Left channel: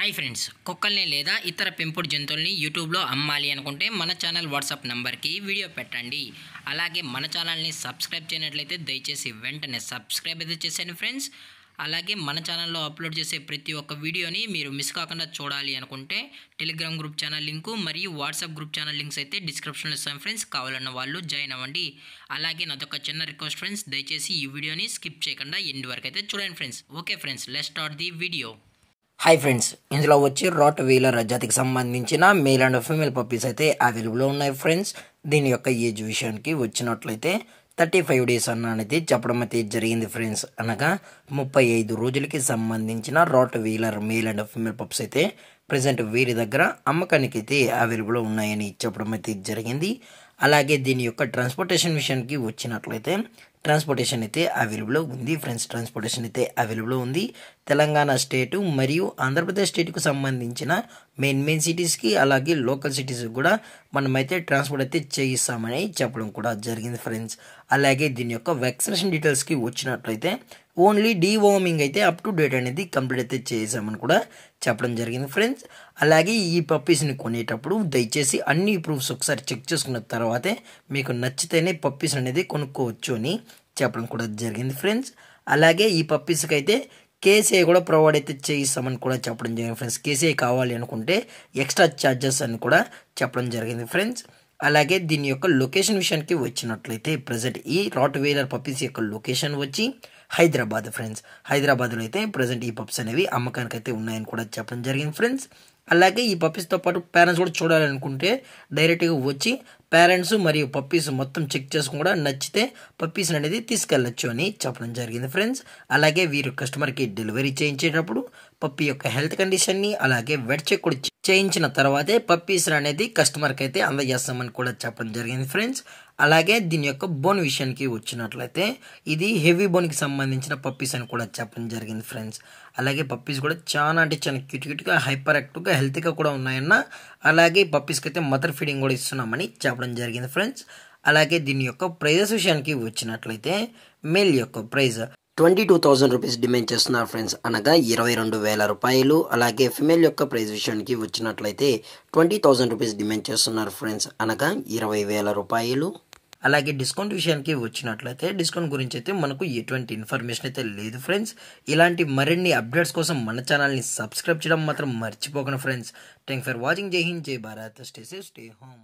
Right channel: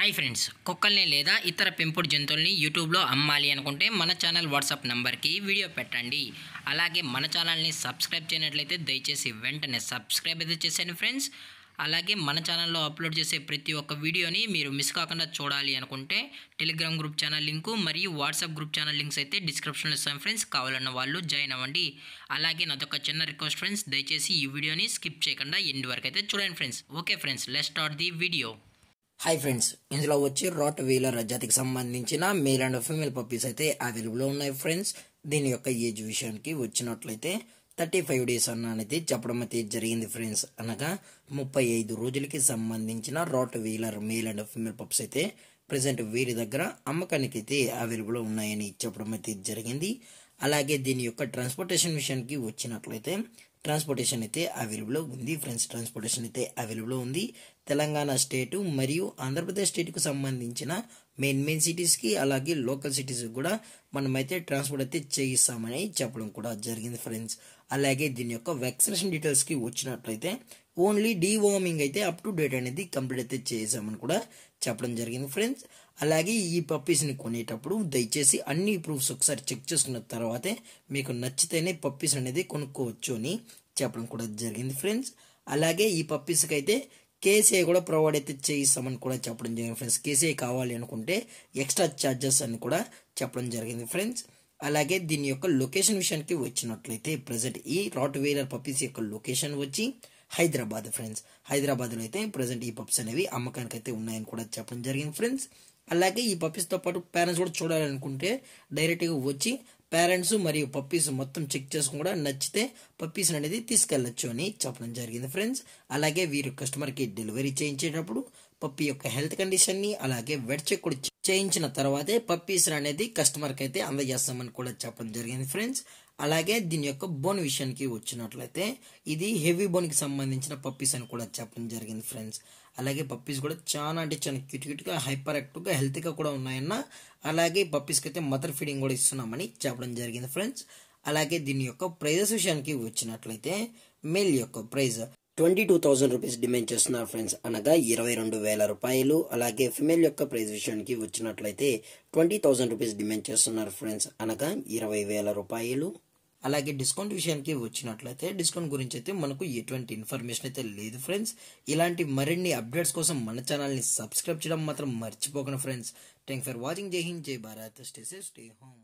Hi friends, కుక్కల్ని లేదా ఇతర పెంపుడు జంతువుల్ని యూట్యూబ్లో అమ్మాలి అనుకుంటే మన ఛానల్ వాట్సాప్ నెంబర్కి వీడియో పెట్టండి. అలాగే మన ఛానల్ని సబ్స్క్రైబ్ చేయనట్లయితే దయచేసి వెంటనే సబ్స్క్రైబ్ అయితే చేసేయండి ఫ్రెండ్స్. అలాగే మన ఛానల్లో అప్లోడ్ చేసే ప్రతి ఒక్క వీడియోని మీరు మిస్ కాకుండా చూడాలి అనుకుంటే టెలిగ్రామ్ గ్రూప్ ఛానల్ లింకు మరియు వాట్సాప్ గ్రూప్ ఛానల్ లింక్స్ అయితే డిస్క్రిప్షన్లో ఇస్తాను ఫ్రెండ్స్. కావాలన్న వాళ్ళు జాయిన్ అవ్వండి. అలాగే నాదొక చిన్న రిక్వెస్ట్ ఫ్రెండ్స్, దయచేసి ఈ వీడియోని స్కిప్ చేయకుండా ఎండ్ వరకు అయితే చూడండి friends. Okay friends, let's start the video. Hi friends, ఇందులో వచ్చి రాట్ వీలర్ జాతికి సంబంధించిన మేల్ అండ్ ఫీమేల్ పప్పీస్ అయితే అవైలబుల్ ఉన్నాయి ఫ్రెండ్స్. దీని యొక్క ఏజ్ విషయానికి వచ్చినట్లయితే 35 days అనేది చెప్పడం అయితే జరిగింది ఫ్రెండ్స్. అనగా 35 రోజులకి సంబంధించిన Rottweiler male and female pups అయితే ప్రజెంట్ వీరి దగ్గర అమ్మకానికి అయితే అవైలబుల్ ఉన్నాయని చెప్పడం అయితే జరిగింది. అలాగే దీని యొక్క ట్రాన్స్పోర్టేషన్ విషయానికి వచ్చినట్లయితే ట్రాన్స్పోర్టేషన్ అయితే అవైలబుల్ ఉంది ఫ్రెండ్స్. ట్రాన్స్పోర్టేషన్ అయితే అవైలబుల్ ఉంది. తెలంగాణ స్టేటు మరియు ఆంధ్రప్రదేశ్ స్టేట్కు సంబంధించిన మెయిన్ సిటీస్కి అలాగే లోకల్ సిటీస్కి కూడా మనమైతే ట్రాన్స్పోర్ట్ అయితే చేయిస్తామని చెప్పడం కూడా జరిగింది ఫ్రెండ్స్. అలాగే దీని యొక్క వ్యాక్సినేషన్ డీటెయిల్స్కి వచ్చినట్లయితే ఓన్లీ డీవార్మింగ్ అయితే అప్ టు డేట్ అనేది కంప్లీట్ అయితే చేసామని కూడా చెప్పడం జరిగింది ఫ్రెండ్స్. అలాగే ఈ పప్పీస్ని కొనేటప్పుడు దయచేసి అన్ని ప్రూఫ్స్ ఒకసారి చెక్ చేసుకున్న తర్వాతే మీకు నచ్చితేనే పప్పీస్ అనేది కొనుక్కోవచ్చు అని చెప్పడం కూడా జరిగింది ఫ్రెండ్స్. అలాగే ఈ పప్పీస్కి అయితే కేసీఐ కూడా ప్రొవైడ్ అయితే చేయిస్తామని కూడా చెప్పడం జరిగింది ఫ్రెండ్స్. కేసీఐ కావాలి అనుకుంటే ఎక్స్ట్రా ఛార్జెస్ అని కూడా చెప్పడం జరిగింది ఫ్రెండ్స్. అలాగే దీని యొక్క లొకేషన్ విషయానికి వచ్చినట్లయితే ప్రజెంట్ ఈ రాట్ వీలర్ పప్పీస్ యొక్క లొకేషన్ వచ్చి హైదరాబాద్ ఫ్రెండ్స్. హైదరాబాద్లో అయితే ప్రజెంట్ ఈ పప్స్ అనేవి అమ్మకానికి అయితే ఉన్నాయని కూడా చెప్పడం జరిగింది ఫ్రెండ్స్. అలాగే ఈ పప్పీస్తో పాటు పేరెంట్స్ కూడా చూడాలనుకుంటే డైరెక్ట్గా వచ్చి పేరెంట్స్ మరియు పప్పీస్ మొత్తం చెక్ చేసుకుని కూడా నచ్చితే పప్పీస్ అనేది తీసుకెళ్లొచ్చు అని చెప్పడం జరిగింది ఫ్రెండ్స్. అలాగే వీరు కస్టమర్కి డెలివరీ చేయించేటప్పుడు పప్పీ యొక్క హెల్త్ కండిషన్ని అలాగే వెట్ చెక్ కూడా చేయించిన తర్వాతే పప్పీస్ అనేది కస్టమర్కి అయితే అందజేస్తామని కూడా చెప్పడం జరిగింది ఫ్రెండ్స్. అలాగే దీని యొక్క బోన్ విషయానికి వచ్చినట్లయితే ఇది హెవీ బోన్కి సంబంధించిన పప్పీస్ అని కూడా చెప్పడం జరిగింది ఫ్రెండ్స్. అలాగే పప్పీస్ కూడా చాలా అంటే చాలా క్యూట్గా హైపర్ యాక్టివ్గా హెల్తీగా కూడా ఉన్నాయన్న. అలాగే పప్పీస్కి అయితే మదర్ ఫీడింగ్ కూడా ఇస్తున్నామని చెప్పడం జరిగింది ఫ్రెండ్స్. అలాగే దీని యొక్క ప్రైజెస్ విషయానికి వచ్చినట్లయితే మేల్ యొక్క ప్రైజ్ 22,000 రూపీస్ డిమాండ్ చేస్తున్నారు ఫ్రెండ్స్, అనగా 22,000 రూపాయలు. అలాగే ఫిమేల్ యొక్క ప్రైజ్ విషయానికి వచ్చినట్లయితే 20,000 రూపీస్ డిమాండ్ చేస్తున్నారు ఫ్రెండ్స్, అనగా 20,000 రూపాయలు. అలాగే డిస్కౌంట్ విషయానికి వచ్చినట్లయితే డిస్కౌంట్ గురించి అయితే మనకు ఎటువంటి ఇన్ఫర్మేషన్ అయితే లేదు ఫ్రెండ్స్. ఇలాంటి మరిన్ని అప్డేట్స్ కోసం మన ఛానల్ని సబ్స్క్రైబ్ చేయడం మాత్రం మర్చిపోకండి ఫ్రెండ్స్. Thank for watching. జై హింద్, జై Bharat. Stay safe, stay home.